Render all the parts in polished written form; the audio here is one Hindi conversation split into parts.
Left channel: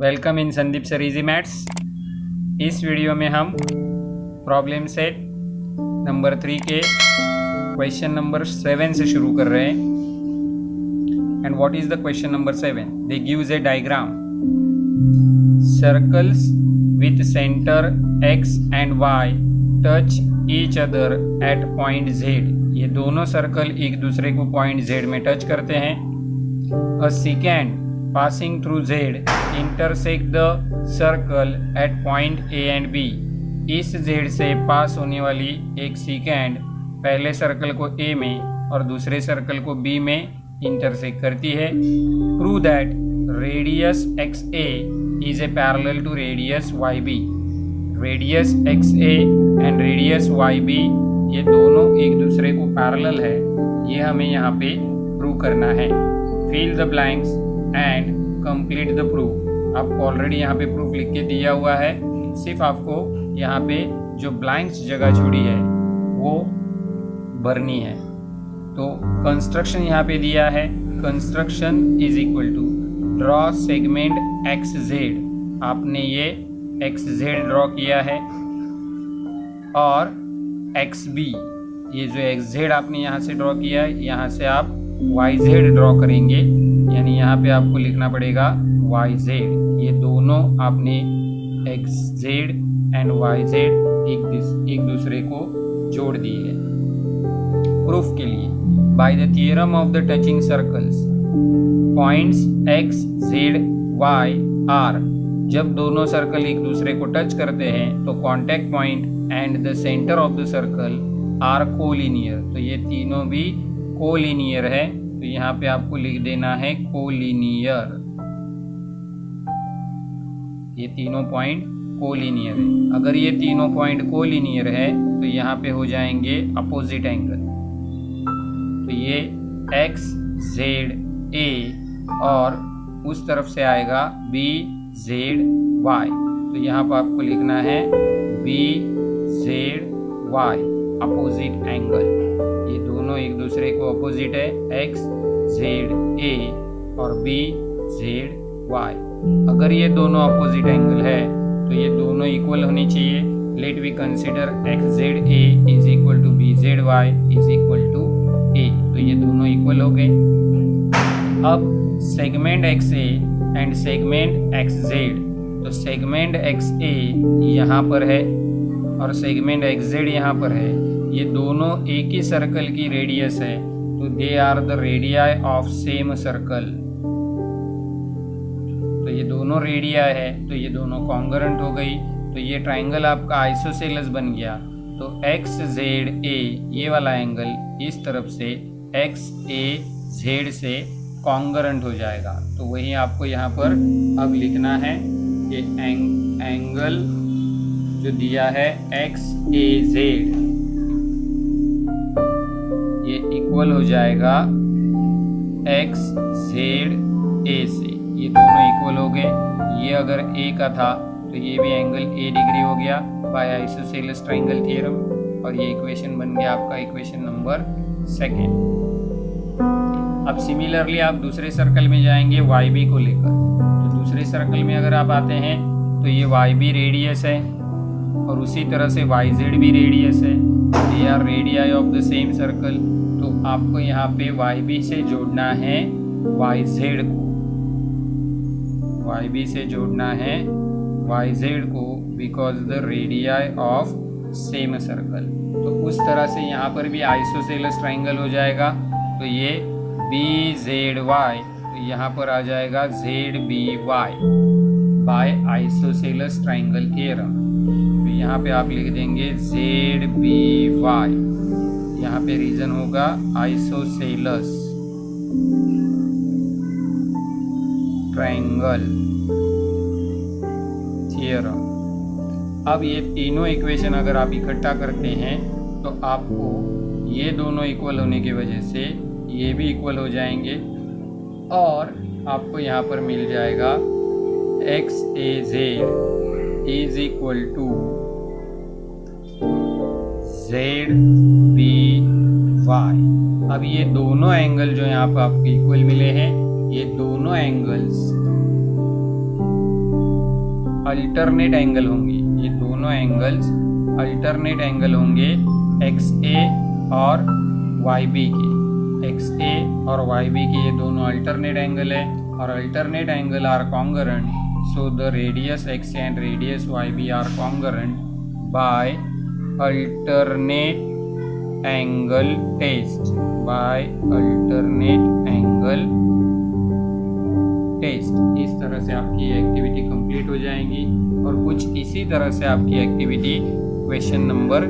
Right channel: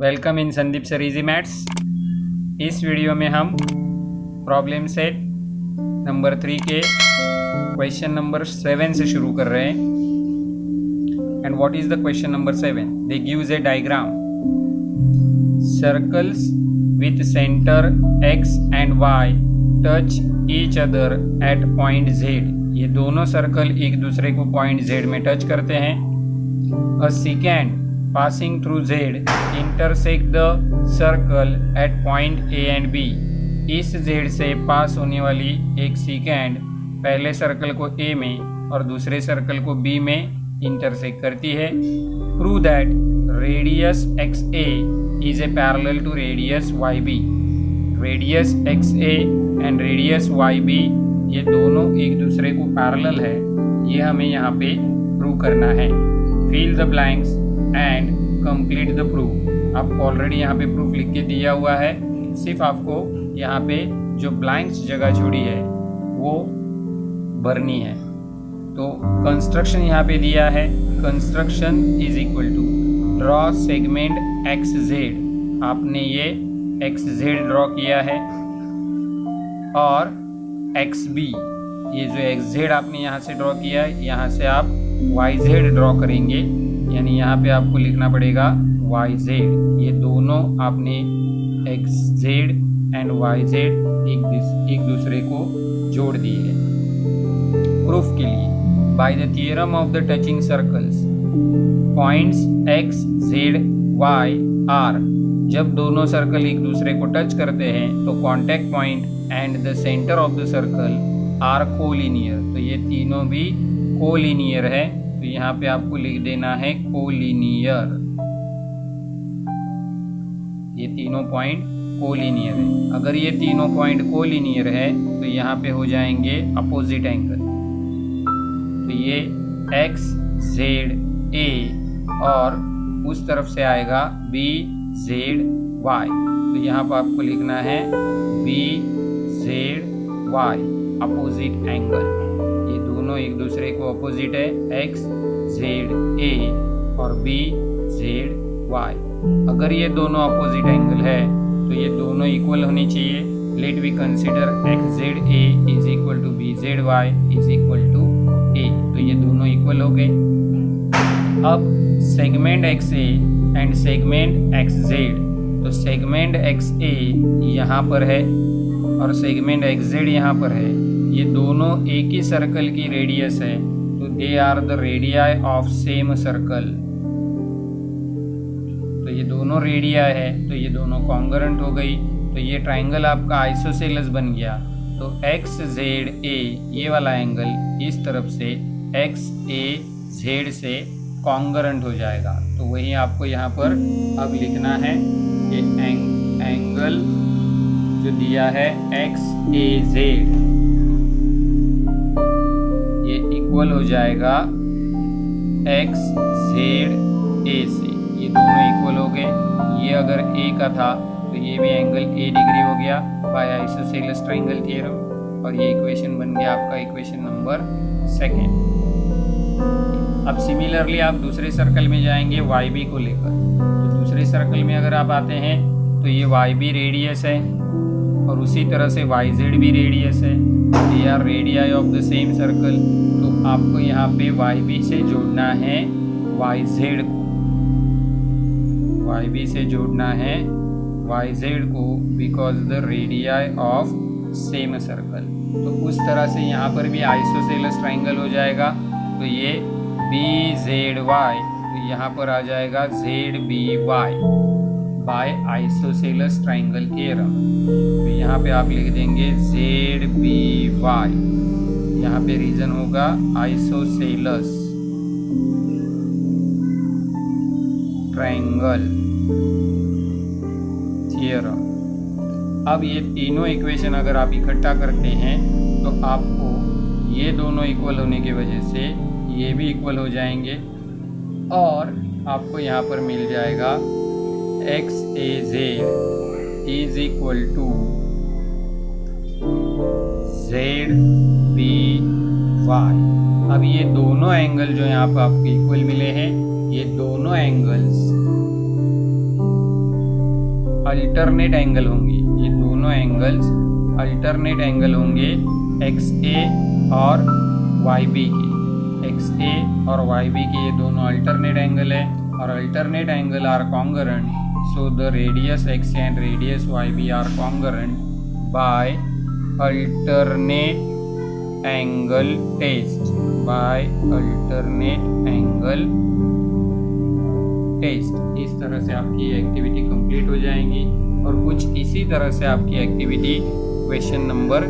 Welcome in Sandeep sir easy maths. इस वीडियो में हम प्रॉब्लम सेट नंबर 3 के क्वेश्चन नंबर 7 से शुरू कर रहे हैं। And what is the question number 7? They gives A diagram circles with centre x and y touch each other at point z। ये दोनों सर्कल एक दूसरे को पॉइंट z में टच करते हैं। A second passing through Z intersect the circle at point A and B। इस Z से पास होने वाली एक सेकेंड पहले सर्कल को A में और दूसरे सर्कल को B में इंटरसेक्ट करती है। Prove that radius XA is a parallel to radius YB। Radius XA and radius YB ये दोनों एक दूसरे को पैरेलल है, ये हमें यहाँ पे प्रूव करना है। Fill the blanks and complete the proof. आपको ऑलरेडी यहाँ पे प्रूफ लिख के दिया हुआ है, सिर्फ आपको यहाँ पे जो ब्लैंक्स जगह छोड़ी है वो भरनी है। तो कंस्ट्रक्शन यहाँ पे दिया है, construction is equal to draw segment X Z. आपने ये एक्स जेड ड्रॉ किया है और एक्स बी, ये जो एक्स जेड आपने यहाँ से ड्रॉ किया है, यहाँ से आप वाई जेड ड्रॉ करेंगे। यानी यहाँ पे आपको लिखना पड़ेगा वाई जेड। ये दोनों आपने X Z and Y Z एक दूसरे को जोड़ दिए है। प्रूफ के लिए by the theorem of the touching circles points X Z Y R. जब दोनों सर्कल एक दूसरे को टच करते हैं तो contact point and the centre of the circle are collinear. तो ये तीनों भी कोलिनियर है, तो यहाँ पे आपको लिख देना है कोलिनियर। ये तीनों पॉइंट कोलिनियर है। अगर ये तीनों पॉइंट कोलिनियर है तो यहाँ पे हो जाएंगे अपोजिट एंगल। तो ये एक्स जेड ए और उस तरफ से आएगा बी जेड वाई। तो यहाँ पर आपको लिखना है B Z Y opposite angle. ये दोनों एक दूसरे को अपोजिट है, एक्स जेड ए और बी जेड वाई। अगर ये दोनों अपोजिट एंगल है तो ये दोनों इक्वल होनी चाहिए। Let we consider X Z A is equal to B Z Y is equal to A. तो ये दोनों इक्वल हो गए। अब segment X A and segment X Z. तो सेगमेंट एक्स ए यहाँ पर है और सेगमेंट एक्स जेड यहाँ पर है। ये दोनों एक ही सर्कल की रेडियस है, तो they are the radii of same circle. तो ये दोनों रेडियाई है, तो ये दोनों कॉन्ग्रुएंट हो गई। तो ये ट्राइंगल आपका आइसोसेलेस बन गया। तो एक्स जेड ए ये वाला एंगल इस तरफ से एक्स ए जेड से कॉन्ग्रुएंट हो जाएगा। तो वही आपको यहाँ पर अब लिखना है कि एंगल जो दिया है एक्स ए जेड ये इक्वल हो जाएगा एक्स जेड ए से। ये दोनों इक्वल हो गए। ये अगर ए का था तो ये भी एंगल ए डिग्री हो गया बाय आइसोसेलेस ट्राइंगल थ्योरम। और ये इक्वेशन बन गया आपका इक्वेशन नंबर 2। अब सिमिलरली आप दूसरे सर्कल में जाएंगे वाई बी को लेकर। तो दूसरे सर्कल में अगर आप आते हैं तो ये वाई बी रेडियस है और उसी तरह से वाई जेड भी रेडियस है। They are radii of the same circle. तो आपको यहाँ पे वाई बी से जोड़ना है वाई जेड को, वाई बी से जोड़ना है वाई जेड को, because the radii of same circle. तो उस तरह से यहाँ पर भी आइसोसेलेस ट्राइंगल हो जाएगा। तो ये बी जेड वाई, तो यहाँ पर आ जाएगा Z B Y by isosceles triangle theorem. तो यहाँ पे आप लिख देंगे जेड बी वाई। यहाँ पे रीजन होगा आइसोसेलेस ट्राइंगल थ्योरम। अब ये तीनों इक्वेशन अगर आप इकट्ठा करते हैं तो आपको ये दोनों इक्वल होने की वजह से ये भी इक्वल हो जाएंगे और आपको यहाँ पर मिल जाएगा X A Z is equal to Z B Y. अब ये दोनों एंगल जो यहाँ पर आपको इक्वल मिले हैं, ये दोनों एंगल्स अल्टरनेट एंगल होंगे, ये दोनों एंगल्स अल्टरनेट एंगल होंगे XA और YB के। XA और YB के ये दोनों अल्टरनेट एंगल है और alternate angle are congruent, so the radius XA and radius YB are congruent by alternate angle test, by alternate angle test. इस तरह से आपकी एक्टिविटी कंप्लीट हो जाएंगी और कुछ इसी तरह से आपकी एक्टिविटी क्वेश्चन नंबर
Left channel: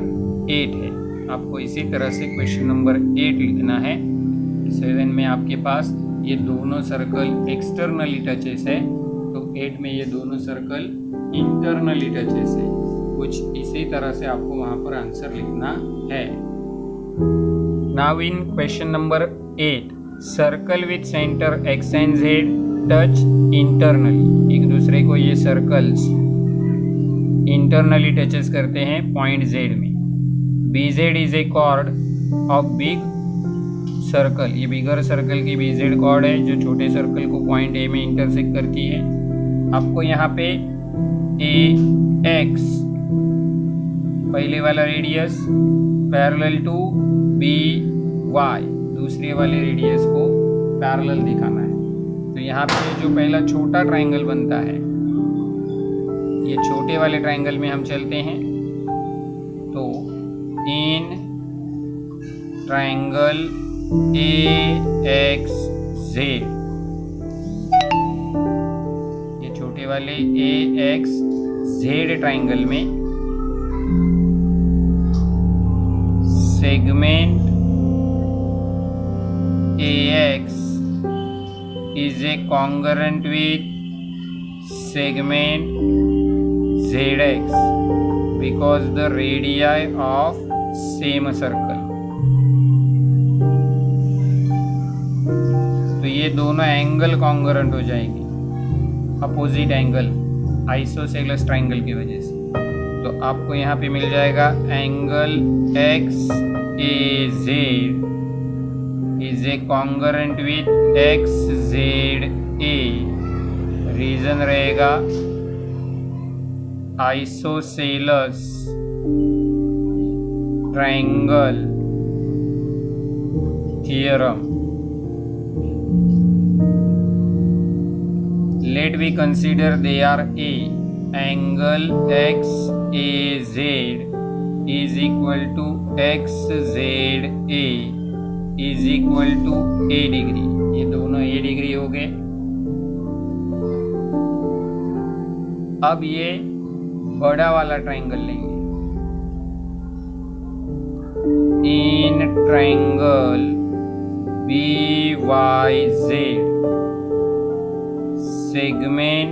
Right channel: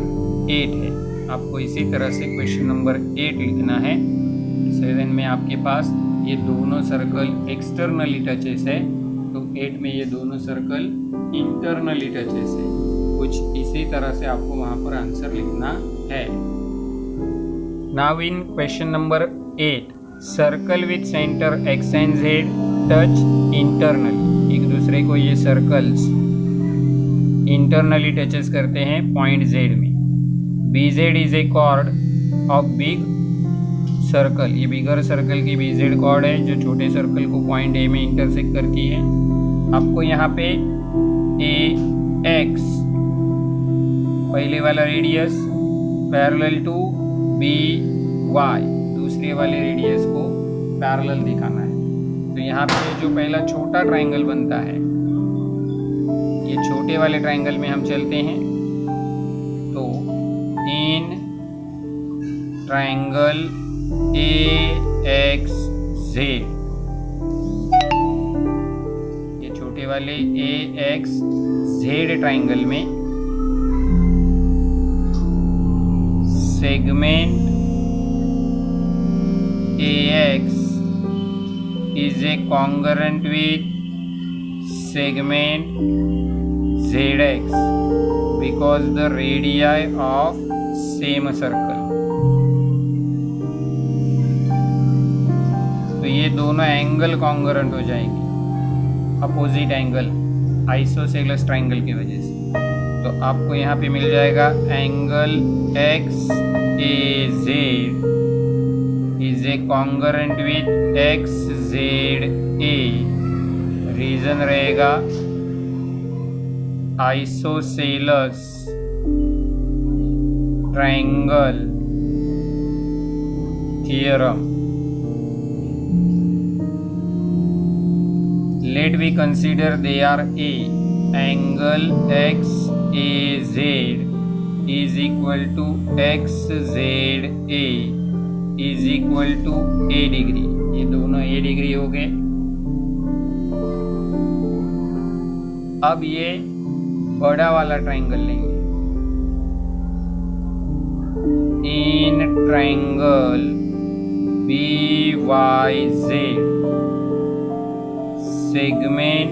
8 है। आपको इसी तरह से क्वेश्चन नंबर 8 लिखना है। 7 में आपके पास ये दोनों सर्कल एक्सटर्नली टचेस है, तो 8 में ये दोनों सर्कल इंटरनली टचेस है। कुछ इसी तरह से आपको वहाँ पर आंसर लिखना है। Now in question number 8, circle with centre X and Z touch internally. एक दूसरे को ये सर्कल्स इंटरनली टचेस करते हैं पॉइंट Z में। BZ is a chord of big circle, ये बिगर सर्कल की BZ कॉर्ड है जो छोटे सर्कल को पॉइंट A में इंटरसेक्ट करती है। आपको यहाँ पे AX पहले वाला रेडियस पैरेलल टू BY दूसरे वाले रेडियस को पैरेलल दिखाना है। तो यहाँ पे जो पहला छोटा ट्रायंगल बनता है, ये छोटे वाले ट्रायंगल में हम चलते हैं। तो इन ट्रायंगल AXZ, ये छोटे वाले AXZ ट्रायंगल में segment AX is a congruent with segment ZX because the radii of same circle। तो ये दोनों एंगल कॉन्ग्रुएंट हो जाएंगे, अपोजिट एंगल आइसोसेलेस ट्रायंगल की वजह से। तो आपको यहाँ पे मिल जाएगा angle XAZ is a congruent with XZA। Reason रहेगा isosceles triangle theorem. Let we consider they are A। Angle XAZ is equal to XZA is equal to A degree. ये दोनों A डिग्री हो गए। अब ये बड़ा वाला ट्रायंगल लेंगे। In triangle BYZ segment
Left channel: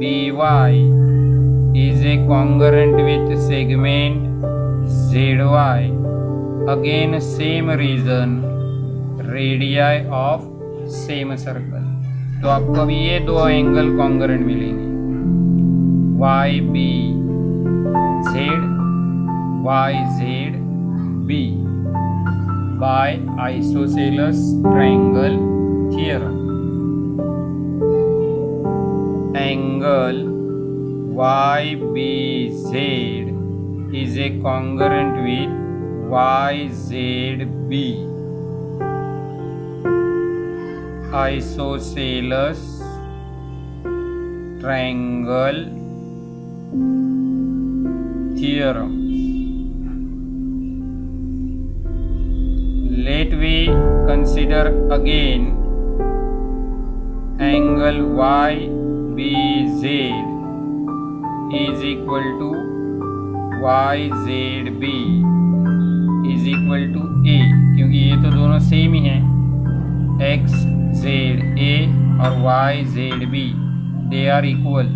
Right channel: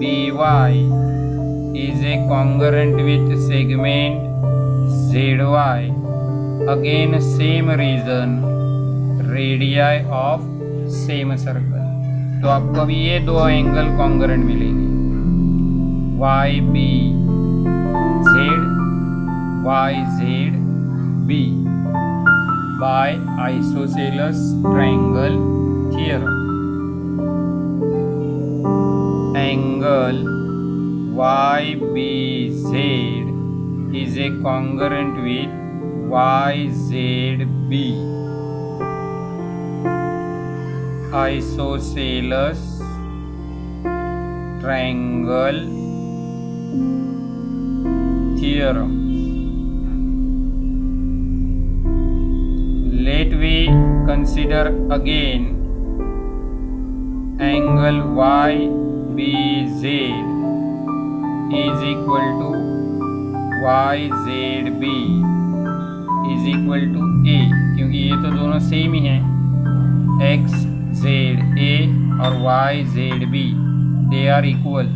BY is a congruent with segment ZY। Again same reason, radii of same circle। तो आपको अभी ये दो एंगल कॉन्ग्रुएंट मिलेंगे, YBZ by isosceles triangle theorem। Angle YBZ is a congruent with YZB। Isosceles triangle theorem। Let we consider again angle YBZ is equal to YZB is equal to A, क्योंकि ये तो दोनों सेम ही हैं। XZA और YZB they are equal।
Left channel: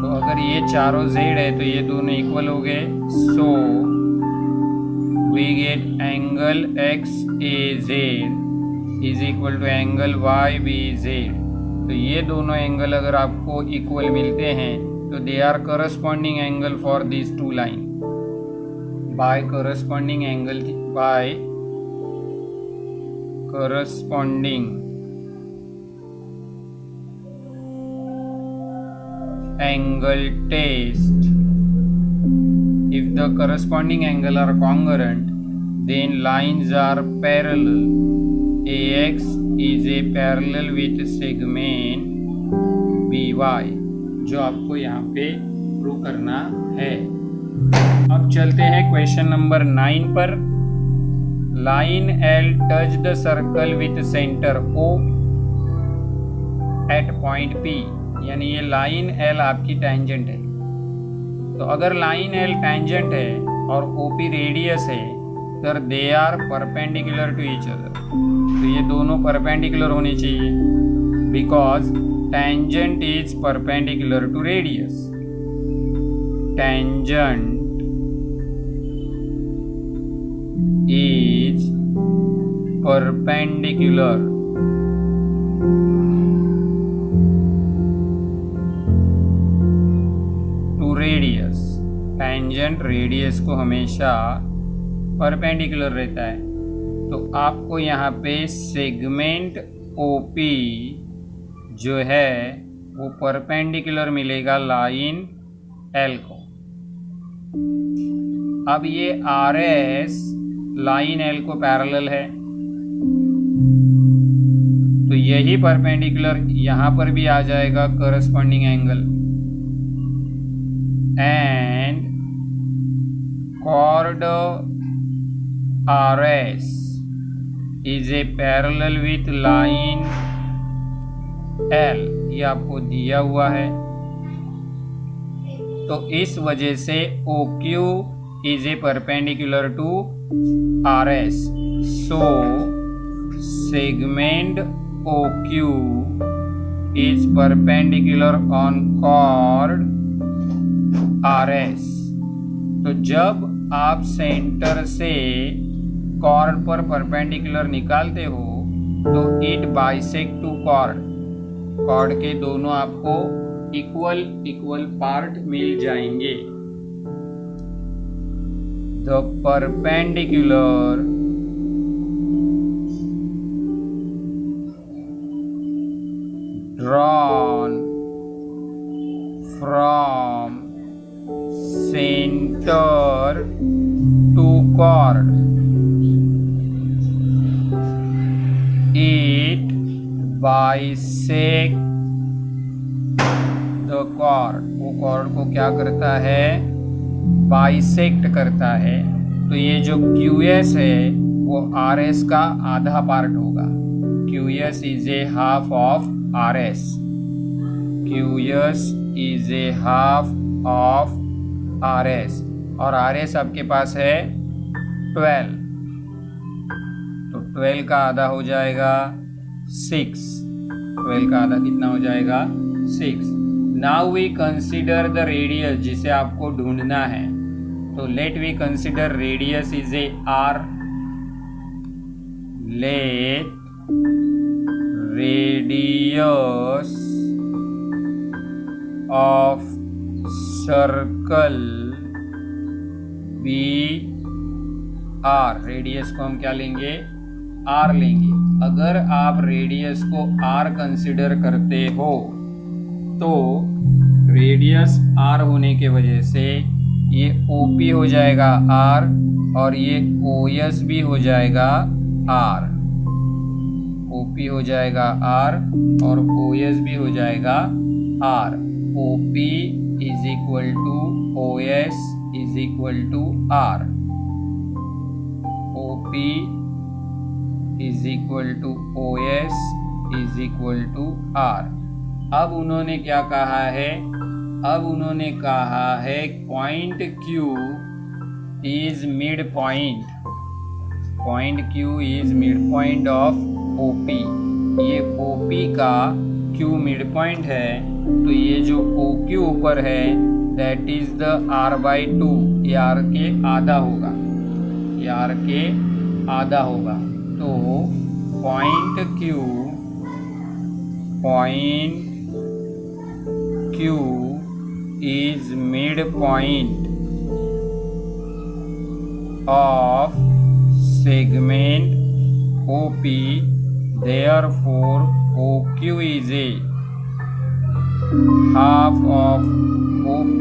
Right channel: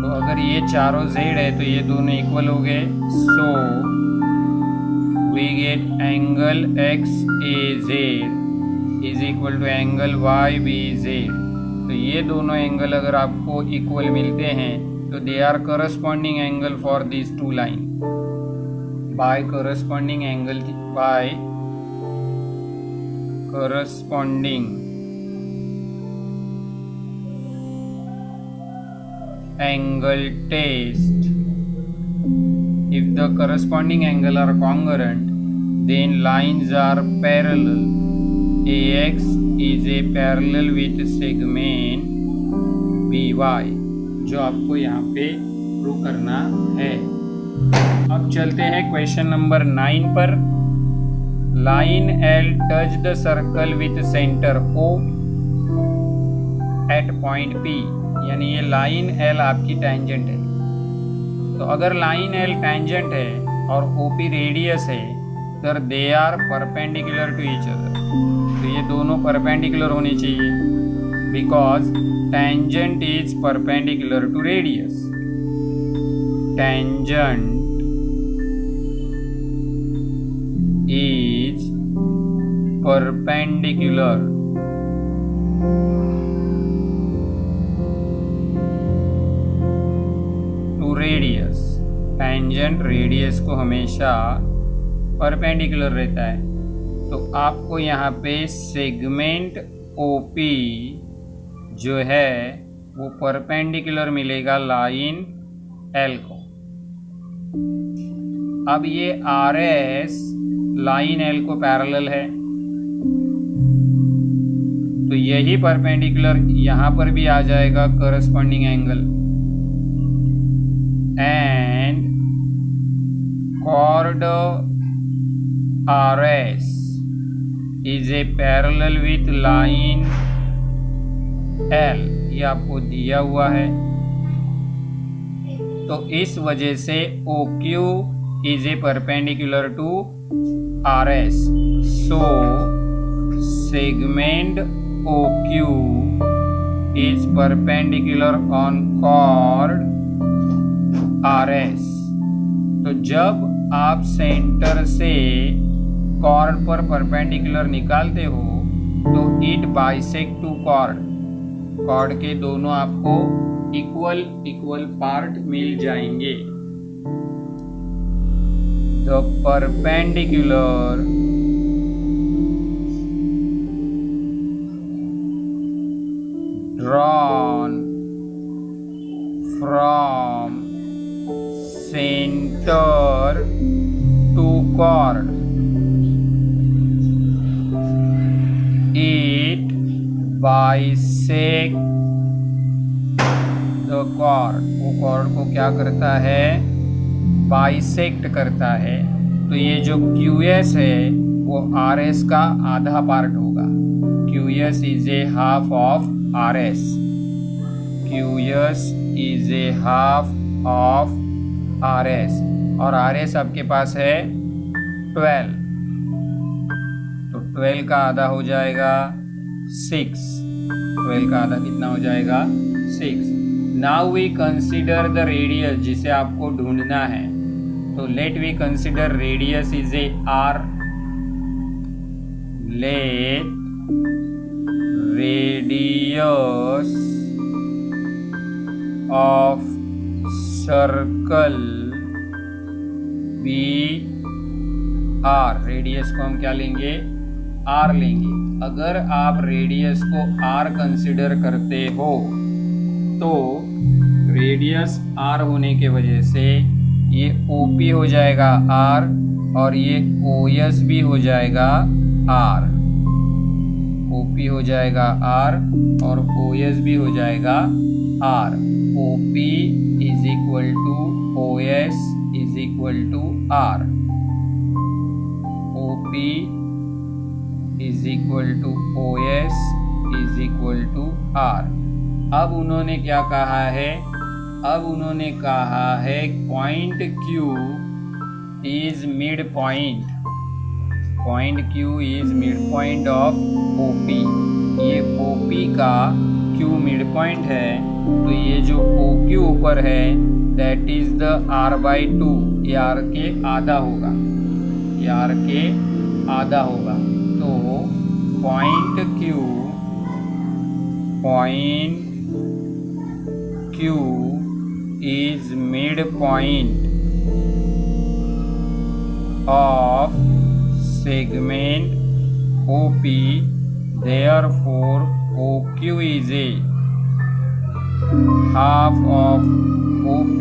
तो अगर ये चारों Z है तो ये दोनों इक्वल हो गए। सो we get angle XAZ is equal to angle YBZ। तो ये दोनों एंगल अगर आपको इक्वल मिलते हैं तो they are corresponding angle for this two line. By corresponding angle test. If the corresponding angle are congruent, then lines are parallel. AX is a parallel with segment BY, जो आपको यहाँ पे प्रूव करना है. अब चलते हैं क्वेश्चन नंबर 9 पर. Line L touch the circle with centre O at point P. यानी ये लाइन L आपकी टेंजेंट है. तो अगर लाइन L टेंजेंट है और OP रेडियस है तो they are perpendicular to each other. तो ये दोनों परपेंडिकुलर होने चाहिए because tangent is perpendicular to radius. Tangent is perpendicular radius. Tangent radius को हमेशा परपेंडिकुलर रहता है. तो आपको यहाँ पे सेगमेंट OP जो है वो परपेंडिकुलर मिलेगा लाइन L को. अब ये RS लाइन L को पैरेलल है तो यही परपेंडिकुलर यहाँ पर भी आ जाएगा corresponding angle. And chord RS is a parallel with line L. ये आपको दिया हुआ है. तो इस वजह से OQ is a perpendicular to RS. So segment OQ is perpendicular on chord RS. तो जब आप सेंटर से कॉर्ड पर परपेंडिकुलर निकालते हो तो it bisect to chord. Chord के दोनों आपको इक्वल पार्ट मिल जाएंगे. The perpendicular drawn from center to chord, it bisect the chord. वो chord को क्या करता है? बाइसेक्ट करता है. तो ये जो QS है वो RS का आधा पार्ट होगा. QS is a half of RS. QS is a half of RS और RS आपके पास है 12. तो 12 का आधा हो जाएगा 6. 12 का आधा कितना हो जाएगा? 6. Now we consider the radius जिसे आपको ढूंढना है. तो let we consider radius is a R. Let radius of circle BR. Radius को हम क्या लेंगे? R लेंगे. अगर आप रेडियस को R कंसिडर करते हो तो रेडियस R होने के वजह से ये OP हो जाएगा R और ये OS भी हो जाएगा R. OP हो जाएगा R और OS भी हो जाएगा R. OP is equal to OS is equal to R. OP is equal to OS is equal to R. अब उन्होंने क्या कहा है? अब उन्होंने कहा है point Q is mid point. Point Q is mid point of OP. ये OP का Q मिड पॉइंट है. तो ये जो OQ ऊपर है दैट इज द R/2. ये R के आधा होगा. ये R के आधा होगा. तो point Q is mid point of segment OP, therefore OQ is a half of OP,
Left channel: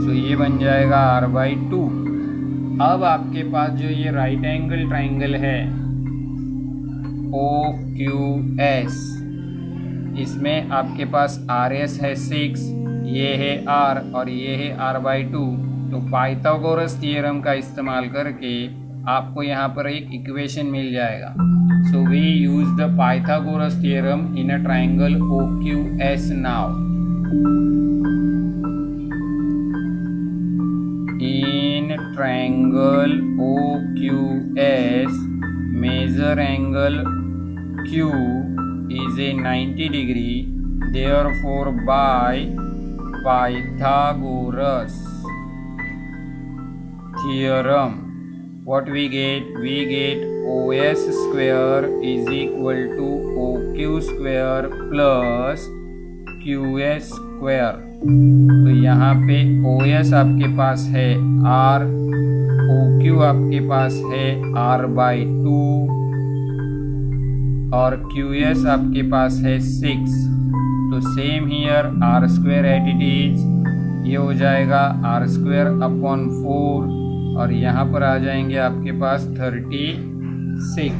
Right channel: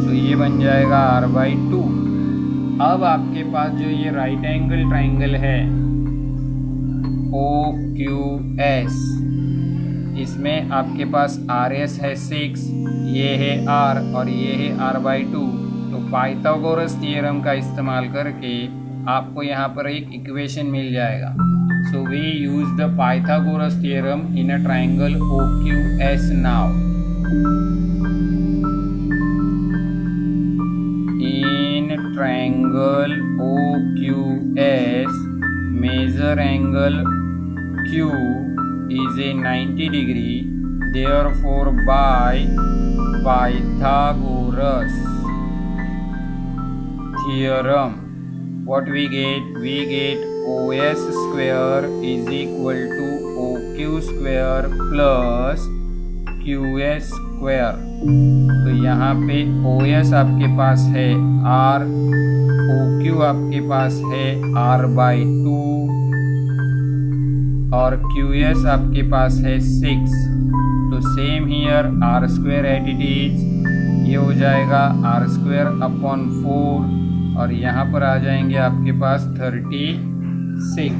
so ये बन जाएगा R/2। अब आपके पास जो ये राइट एंगल ट्राइंगल है OQS, इसमें आपके पास RS है 6, ये है R और ये है R/2। तो पाइथागोरस थ्योरम का इस्तेमाल करके आपको यहाँ पर एक इक्वेशन मिल जाएगा। So we use the Pythagoras theorem in a triangle OQS now. In triangle OQS, measure angle Q is a 90 degree, therefore by Pythagoras theorem, what we get? We get OS square is equal to OQ square plus QS square। तो यहाँ पे OS आपके पास है R, OQ आपके पास है R/2 और QS आपके पास है 6। तो same here R square at it is, ये हो जाएगा R स्क्वायर अपॉन 4 और यहाँ पर आ जाएंगे आपके पास 36।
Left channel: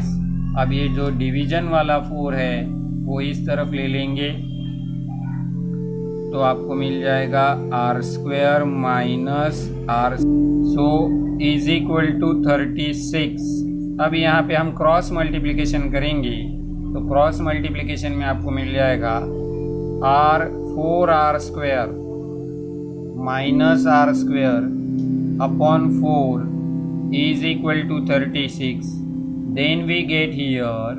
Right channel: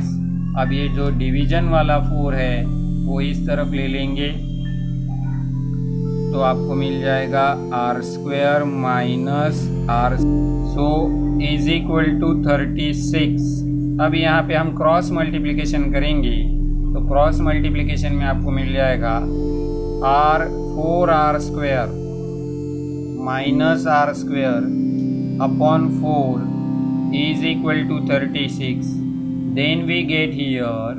अब ये जो डिवीजन वाला 4 है वो इस तरफ ले लेंगे तो आपको मिल जाएगा R square minus R, so is equal to 36। अब यहाँ पे हम क्रॉस मल्टीप्लिकेशन करेंगे तो क्रॉस मल्टीप्लिकेशन में आपको मिल जाएगा R square minus R square upon 4 is equal to 36। Then we get here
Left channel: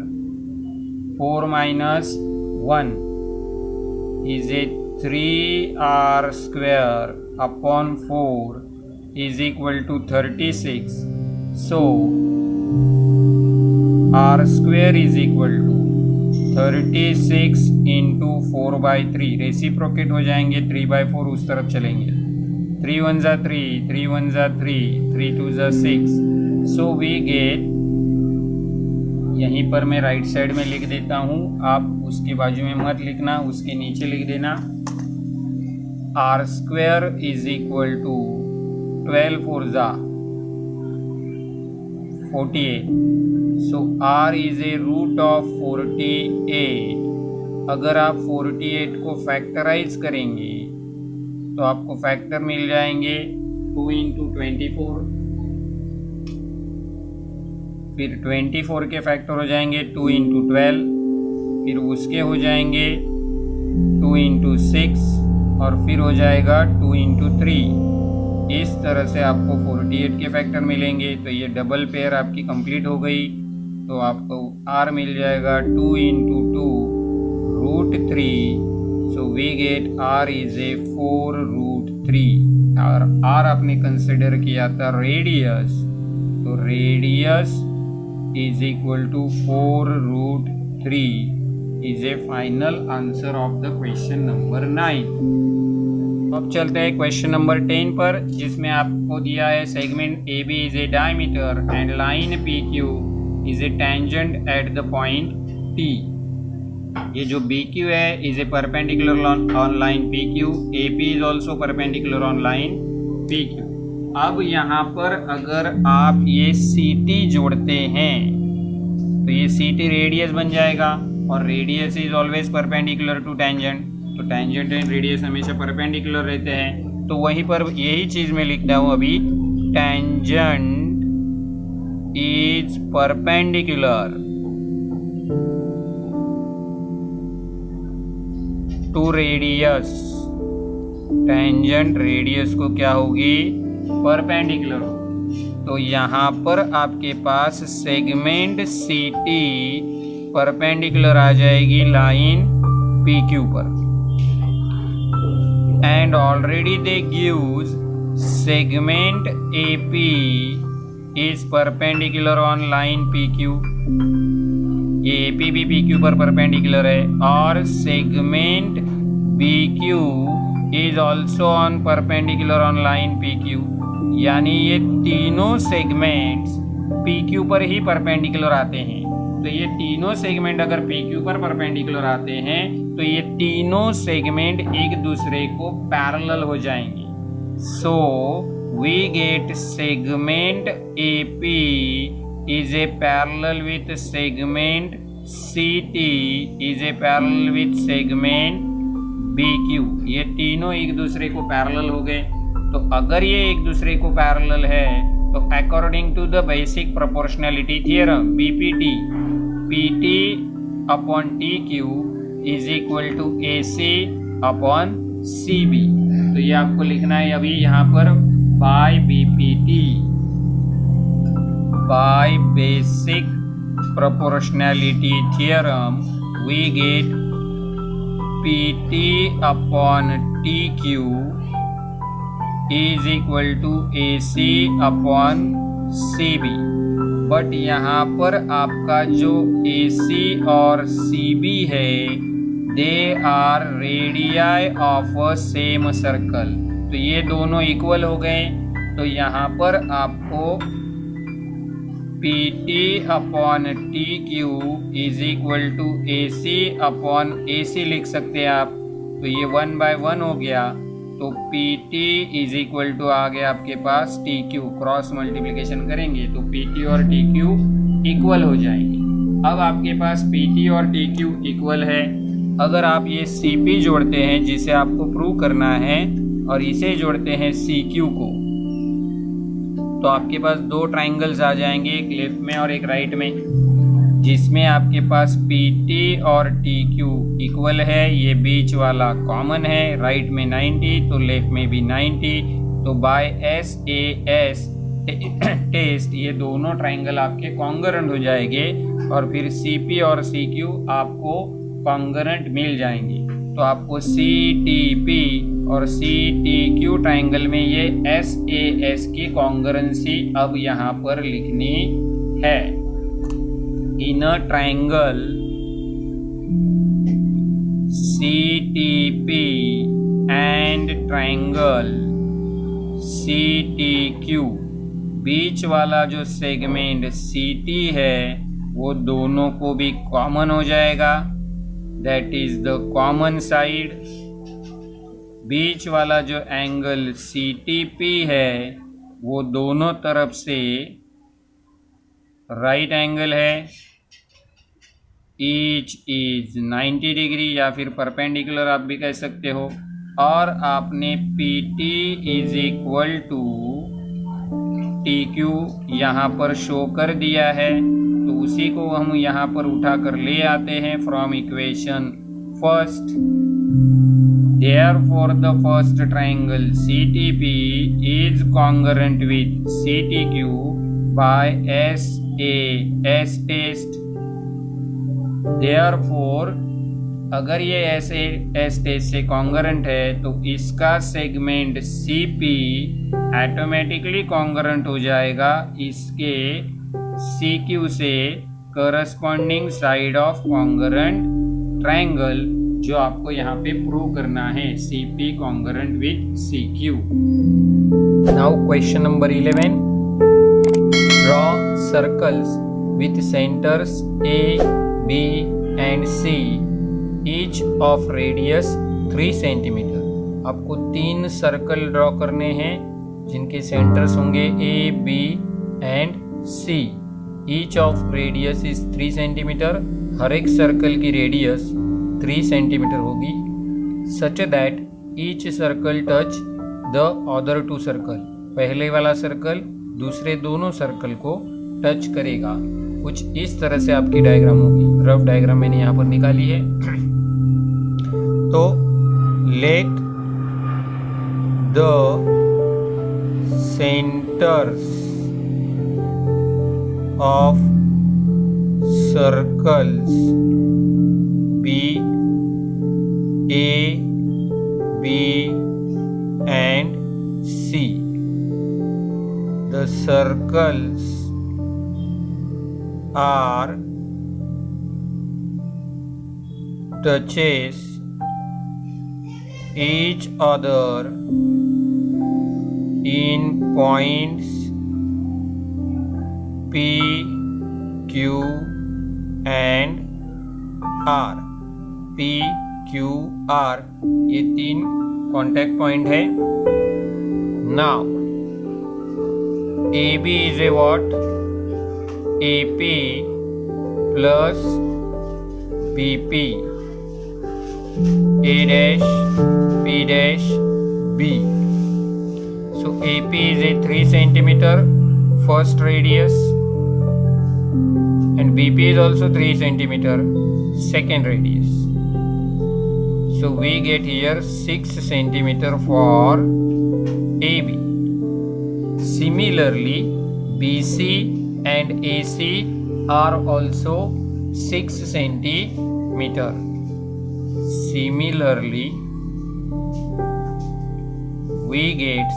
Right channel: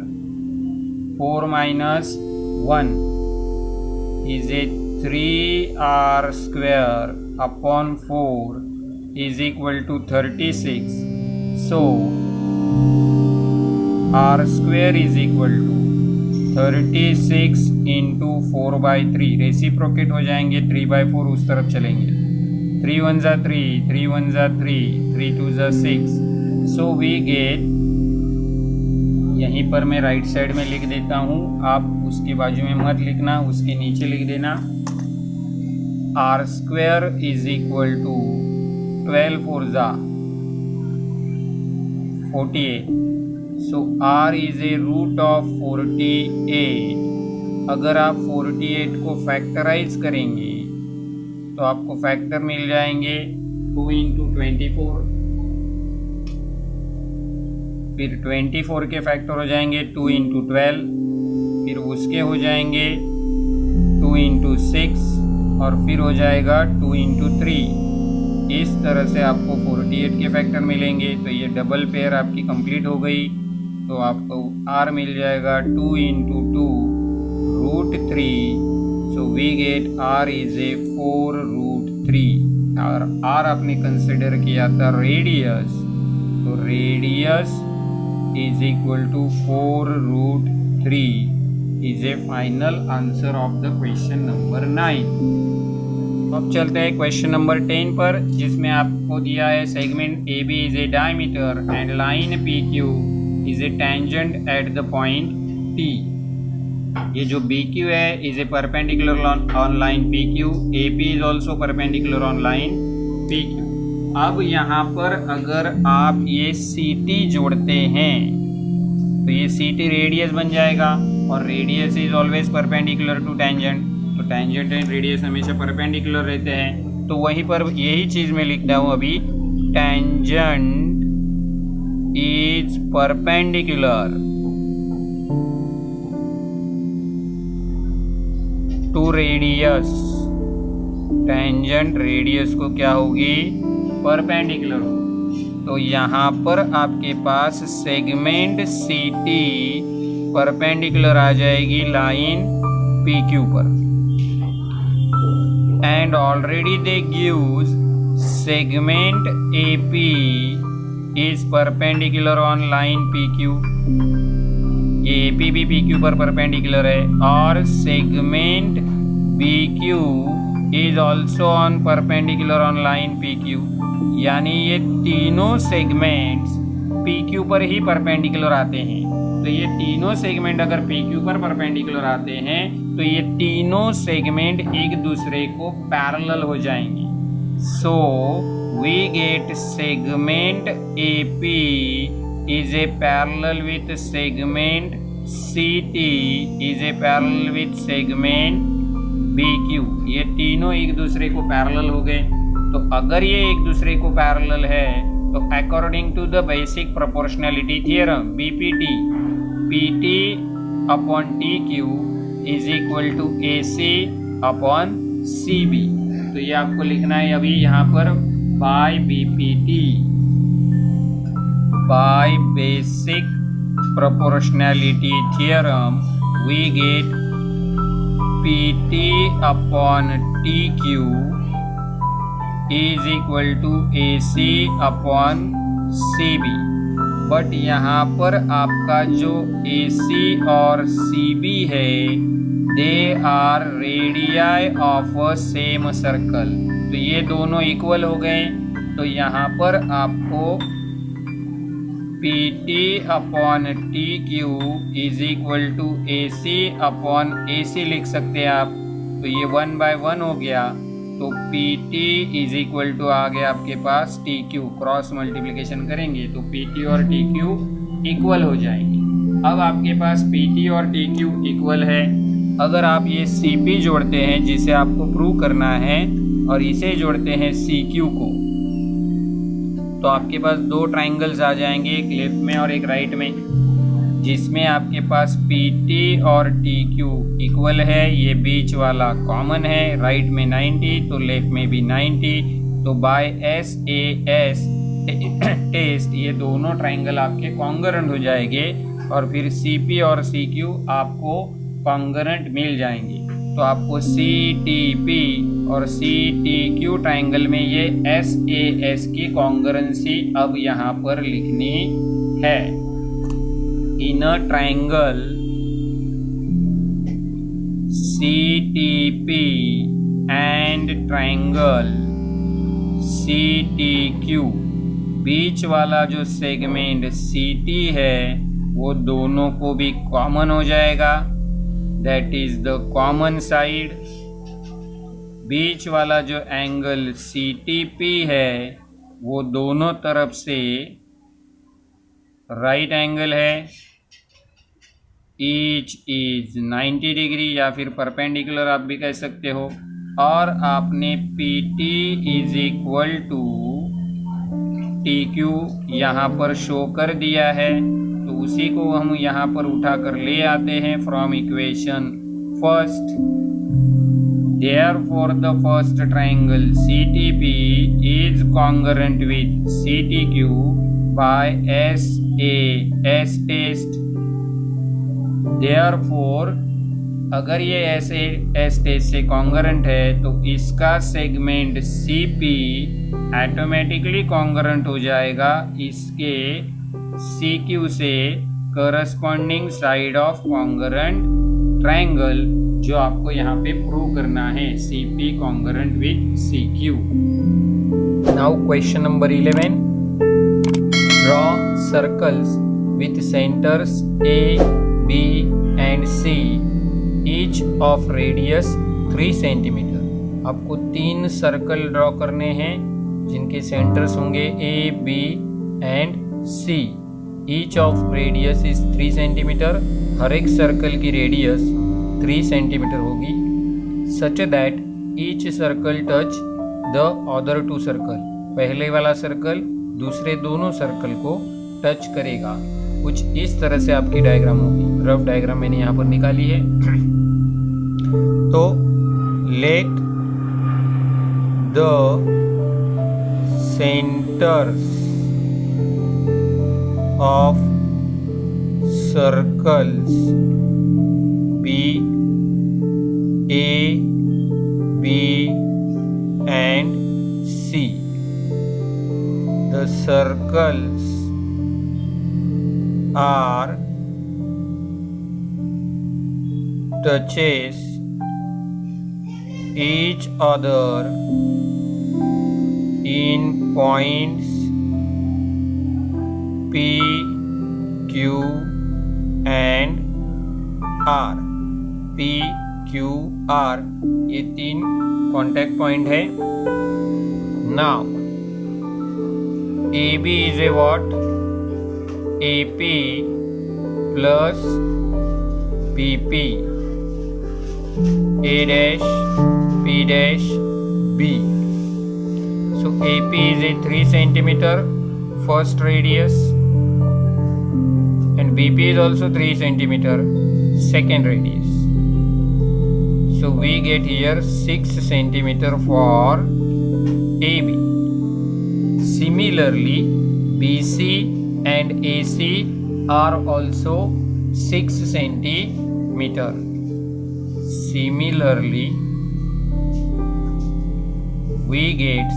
4 minus 1 is a 3R square upon 4 is equal to 36। So R square is equal to 36 into 4/3, reciprocate हो जाएंगे 3/4 उस तरफ चलेंगे। 3 1 जा 3, 3 1 जा 3, 3 2 जा 6। सो वी गेट, यहीं पर मैं राइट साइड में लिख देता हूँ, आप उसके बाजू में मत लिखना, उसके नीचे लिख देना। R square is equal to 12 4 जा 48। So R is a root of 48। अगर आप 48 को फैक्टराइज करेंगे तो आपको फैक्टर मिल जाएंगे 2 इंटू 24, फिर 24 के फैक्टर हो जाएंगे 2 इंटू 12, फिर उसके हो जाएंगे 2 इंटू 6 और फिर हो जाएगा 2 इंटू 3। इस तरह से आपको 48 के फैक्टर मिलेंगे। तो ये डबल पेयर आपकी कंप्लीट हो गई। तो आपको R मिल जाएगा 2 into 2 root 3। So we get R is a 4 root 3 और R आपने कंसिडर किया था रेडियस, तो radius is equal to 4 root 3 is a final answer of the question number 9। अब चलते हैं क्वेश्चन नंबर 10 पर, जिसमें आपको दिया है segment AB is a diameter and line PQ is a tangent at the point T। ये जो BQ है is a perpendicular on line PQ, AP is also perpendicular on line PQ। अब यहाँ पर अगर आप ये CT जोड़ते हैं तो ये CT रेडियस बन जाएगा और radius is always perpendicular to tangent. तो टेंजेंट एंड रेडियस हमेशा परपेंडिकुलर रहते हैं। तो वहीं पर यही चीज़ मैं लिखता हूँ अभी, tangent is perpendicular to radius. Tangent radius को क्या होगी, परपेंडिकुलर होगी। तो यहाँ पर आपके पास सेगमेंट CT परपेंडिकुलर आ जाएगी लाइन PQ पर, and already they gives segment AP is perpendicular on line PQ। ये AP भी PQ पर परपेंडिकुलर है और segment BQ is also on perpendicular on line PQ। यानी ये तीनों सेगमेंट्स PQ पर ही परपेंडिकुलर आते हैं। तो ये तीनों सेगमेंट अगर PQ पर परपेंडिकुलर आते हैं तो ये तीनों सेगमेंट एक दूसरे को पैरेलल हो जाएंगे। So we get segment AP is a parallel with segment CT is a parallel with segment BQ। ये तीनों एक दूसरे को पैरेलल हो गए। तो अगर ये एक दूसरे को पैरेलल है तो according to the basic proportionality theorem BPT, PT upon TQ is equal to AC upon CB। तो ये आपको लिखना है अभी यहाँ पर by BPT, by basic proportionality theorem we get PT upon TQ is equal to AC upon CB। But यहाँ पर आपका जो AC और CB है they are radii of a same circle. तो ये दोनों इक्वल हो गए। तो यहाँ पर आपको PT upon TQ is equal to AC upon AC लिख सकते हैं आप। तो ये 1/1 हो गया। तो PT इज इक्वल टू आ गया आपके पास TQ। क्रॉस मल्टीप्लिकेशन करेंगे तो PT और TQ इक्वल हो जाएंगे। अब आपके पास PT और TQ इक्वल है। अगर आप ये CP जोड़ते हैं जिसे आपको प्रूव करना है और इसे जोड़ते हैं CQ को तो आपके पास दो ट्राइंगल्स आ जाएंगे, एक लेफ्ट में और एक राइट में, जिसमें आपके पास PT और TQ इक्वल है। ये बीच वाला कॉमन है, राइट में 90 तो लेफ्ट में भी 90। तो बाय SAS टेस्ट ये दोनों ट्राइंगल आपके कॉन्ग्रुएंट हो जाएंगे और फिर CP और CQ आपको कॉन्ग्रुएंट मिल जाएंगे। तो आपको CTP और CTQ ट्राइंगल में ये SAS की कॉन्ग्रुएंसी अब यहाँ पर लिखनी है। In a triangle CTP and triangle CTQ बीच वाला जो सेगमेंट CT है वो दोनों को भी कॉमन हो जाएगा, that is the common side. बीच वाला जो एंगल CTP है वो दोनों तरफ से राइट एंगल है, ईच इज 90 डिग्री या फिर परपेंडिकुलर आप भी कह सकते हो। और आपने PT is equal to TQ यहाँ पर शो कर दिया है। तो उसी को हम यहाँ पर उठा कर ले आते हैं from equation first. Therefore the first triangle CTP is congruent with CTQ by SAS test। Therefore अगर ये SAS टेस्ट से कॉन्ग्रुएंट है तो इसका सेगमेंट CP ऑटोमेटिकली कॉन्ग्रुएंट हो जाएगा इसके CQ से corresponding side of congruent triangle, जो आपको यहाँ पे प्रूव करना है CP congruent with CQ। Now question number 11, draw circles with centres A, B and C each of radius 3 centimetre. आपको 3 सर्कल ड्रॉ करने हैं जिनके सेंटर्स होंगे A, B and C। Each of radius is 3 centimetre. हर एक सर्कल की रेडियस 3 सेंटीमीटर होगी, such that each circle touch the other 2 circle. पहले वाला सर्कल दूसरे दोनों सर्कल को टच करेगा। कुछ इस तरह से आपकी डायग्राम होगी। रफ डायग्राम मैंने यहाँ पर निकाली है। तो let the centres of circles be A, B and C. The circles are touches each other in points P, Q and R। P, Q, R ये 3 कॉन्टैक्ट पॉइंट है। Now AB is a what? AP plus BP, A dash, P dash, B. So AP is a 3 centimeter first radius and BP is also 3 centimeter second radius. So we get here 6 centimeter for AB. Similarly, BC and AC are also 6 centimeter. Similarly, we get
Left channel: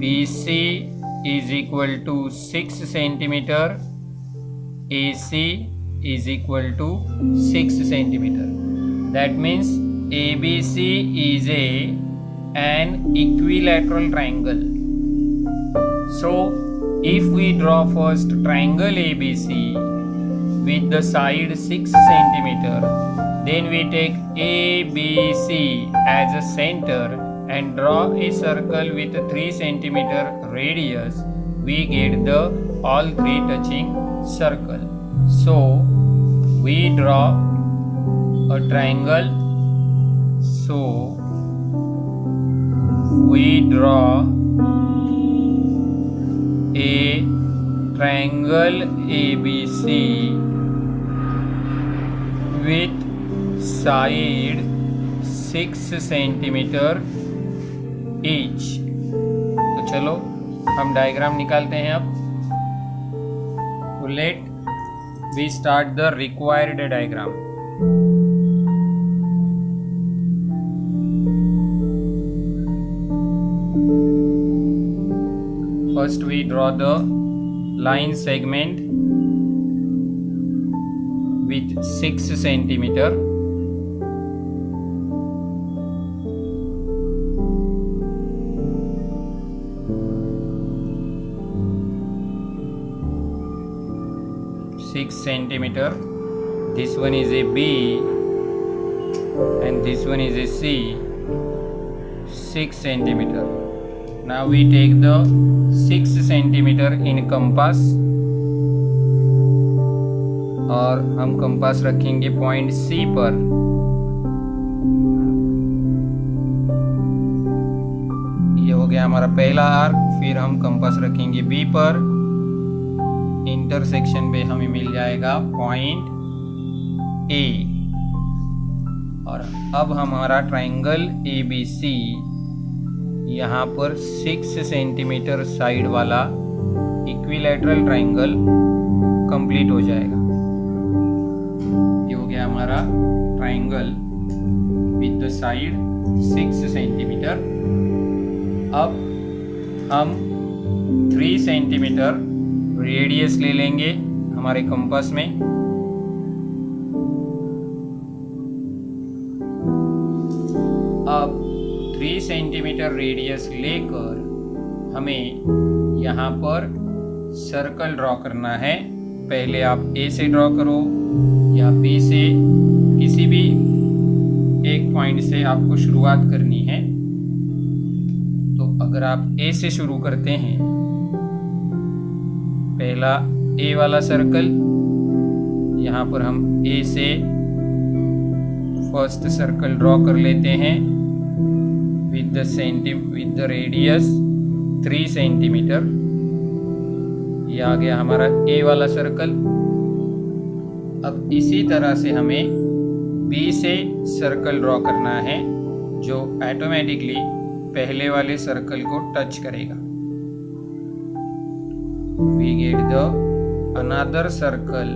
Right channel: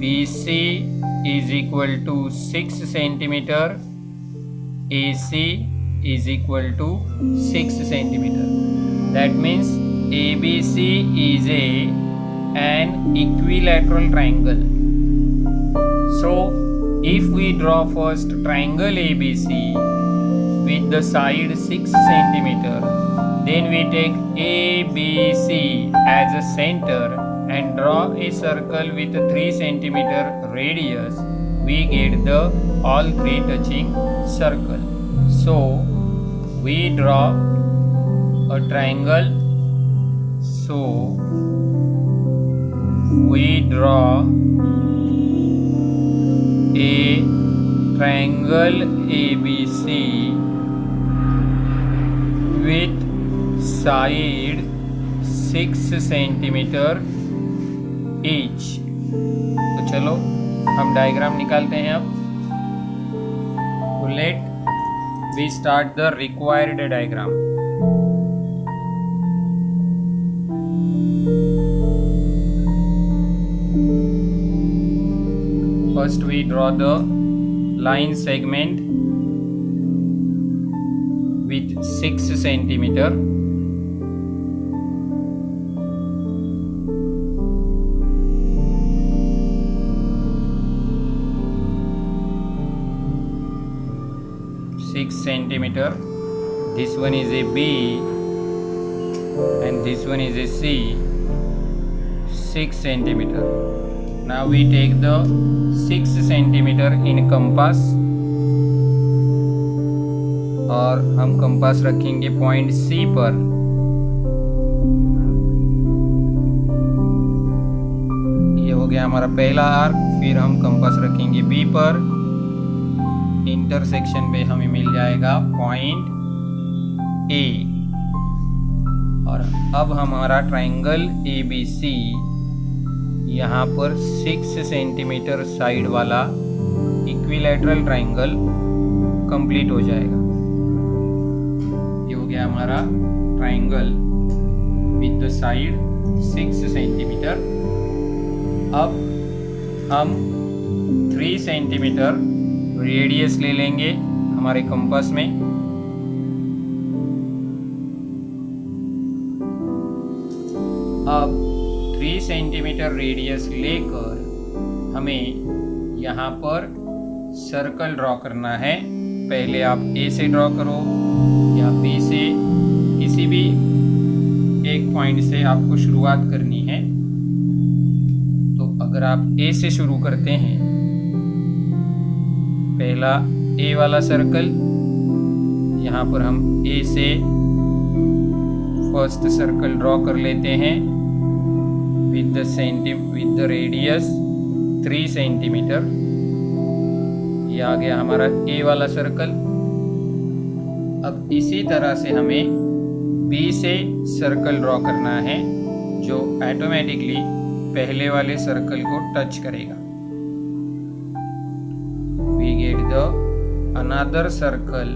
BC is equal to 6 centimeter, AC is equal to 6 centimeter. That means ABC is an equilateral triangle. So if we draw first triangle ABC with the side 6 centimeter, then we take ABC as a center and draw a circle with a 3 centimeter radius, we get the all 3 touching circle. So we draw a triangle. So we draw a triangle ABC with side 6 centimeter each। तो चलो हम डायग्राम निकालते हैं अब। तो let we start the required diagram. First we draw the line segment with 6 centimeter. This one is a B and this one is a C, 6 centimeter. Now we take the 6 centimeter in compass और हम कंपास रखेंगे पॉइंट C पर। ये हो गया हमारा पहला आर्क। फिर हम कंपास रखेंगे B पर। इंटरसेक्शन पे हमें मिल जाएगा पॉइंट A। और अब हमारा ट्राइंगल ABC यहाँ पर 6 सेंटीमीटर साइड वाला इक्विलैटरल ट्राइंगल कंप्लीट हो जाएगा। ये हो गया हमारा triangle with the side 6 centimetre. अब हम 3 सेंटीमीटर रेडियस ले लेंगे हमारे कंपास में। अब 3 सेंटीमीटर रेडियस लेकर हमें यहाँ पर सर्कल ड्रॉ करना है। पहले आप A से ड्रॉ करो या B से, किसी भी एक पॉइंट से आपको शुरुआत करनी है। तो अगर आप A से शुरू करते हैं, पहला A वाला सर्कल, यहाँ पर हम A से फर्स्ट सर्कल ड्रॉ कर लेते हैं with the radius 3 सेंटीमीटर। ये आ गया हमारा A वाला सर्कल। अब इसी तरह से हमें B से सर्कल ड्रॉ करना है जो ऑटोमेटिकली पहले वाले सर्कल को टच करेगा। We get the another circle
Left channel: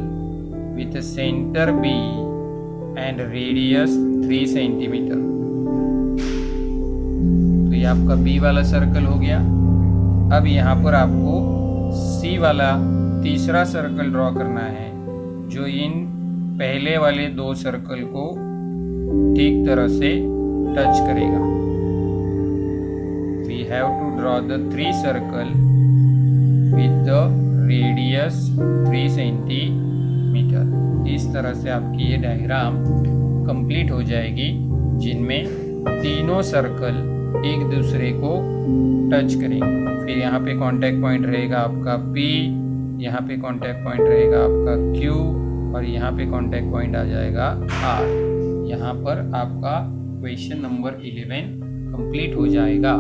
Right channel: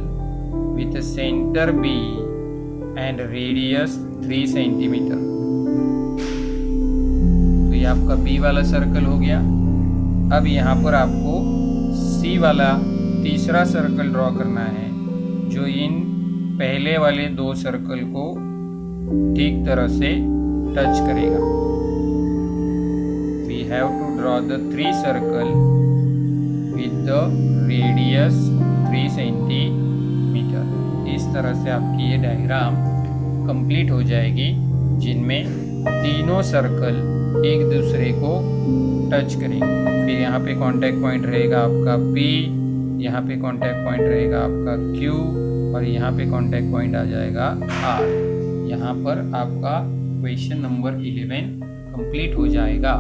with a center B and radius 3 centimetre. तो ये आपका B वाला सर्कल हो गया। अब यहाँ पर आपको C वाला तीसरा सर्कल ड्रॉ करना है जो इन पहले वाले 2 सर्कल को ठीक तरह से टच करेगा। we have to draw the 3 circle with the radius 3 centimetre. इस तरह से आपकी ये डायग्राम कंप्लीट हो जाएगी, जिनमें तीनों सर्कल एक दूसरे को टच करेंगे। फिर यहाँ पे कांटेक्ट पॉइंट रहेगा आपका P, यहाँ पे कांटेक्ट पॉइंट रहेगा आपका Q और यहाँ पे कांटेक्ट पॉइंट आ जाएगा R। यहाँ पर आपका क्वेश्चन नंबर 11 कंप्लीट हो जाएगा।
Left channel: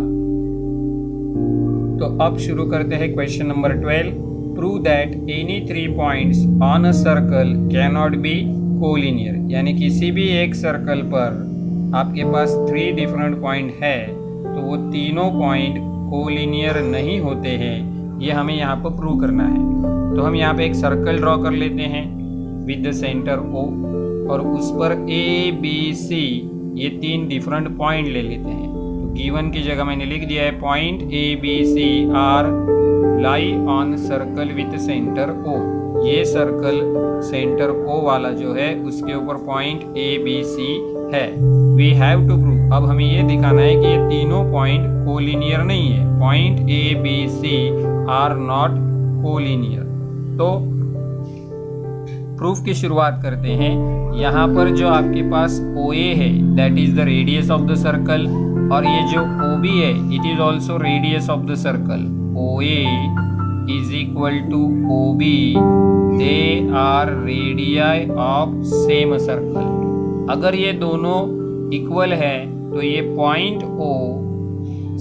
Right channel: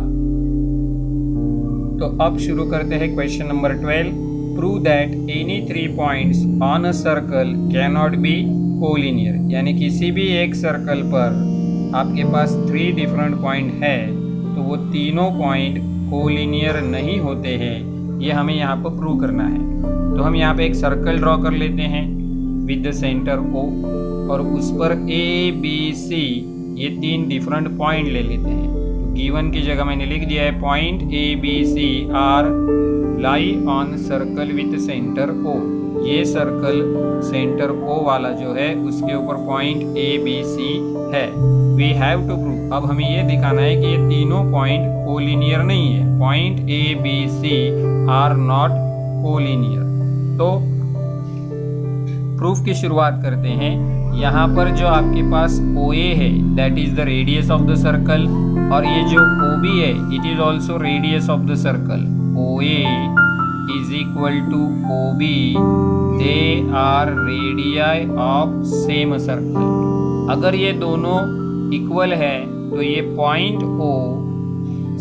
तो अब शुरू करते हैं question number 12। Prove that any 3 points on a circle can not be collinear, यानी किसी भी एक सर्कल पर आपके पास 3 डिफरेंट पॉइंट है तो वो तीनों पॉइंट कोलिनियर नहीं होते हैं। ये हमें यहाँ पर प्रूव करना है। तो हम यहाँ पे एक सर्कल ड्रॉ कर लेते हैं विद द सेंटर O और उस पर A, B, C ये 3 डिफरेंट पॉइंट ले लेते हैं। तो गिवन की जगह मैंने लिख दिया है point A, B, C are lie on circle with centre O। ये सर्कल सेंटर O वाला जो है उसके ऊपर पॉइंट A, B, C है। वी हैव टू प्रूव, अब हमें ये दिखाना है कि ये तीनों पॉइंट कोलिनियर नहीं है। Point A, B, C are not collinear. तो प्रूफ की शुरुआत करते हैं। यहाँ पर जो आपके पास OA है that is the radius of the circle, और ये जो OB है it is also radius of the circle. OA is equal to OB, they are radii of same circle। अगर ये दोनों इक्वल है तो ये पॉइंट O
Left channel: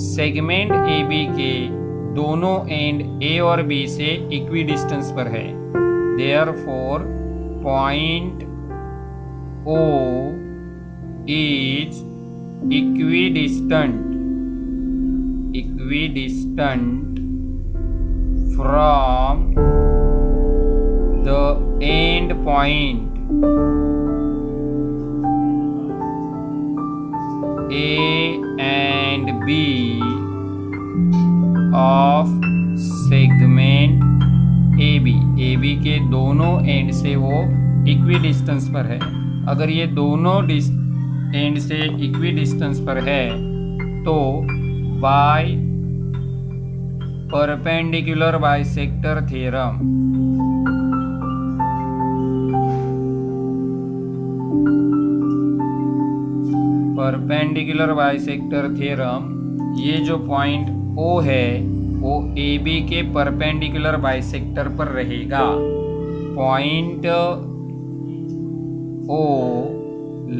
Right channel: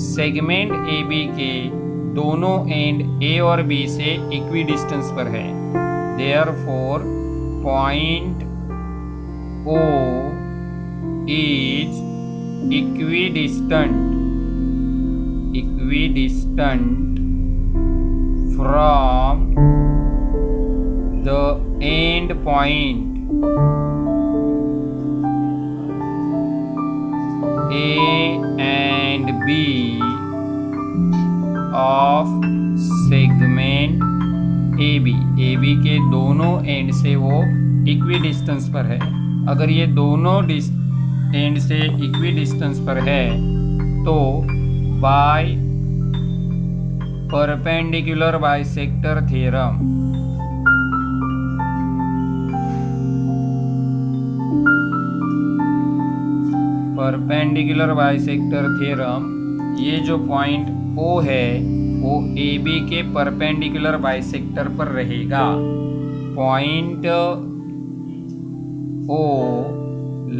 सेगमेंट AB के दोनों एंड A और B से इक्वी डिस्टेंस पर है। Therefore, point O is equidistant from the end point A and B of segment AB के दोनों एंड से वो इक्वी डिस्टेंस पर है। अगर ये दोनों एंड से इक्वी डिस्टेंस पर है तो बाय परपेंडिकुलर बाइसेक्टर थ्योरम ये जो पॉइंट O है वो AB के परपेंडिकुलर बाइसेक्टर पर रहेगा। Point O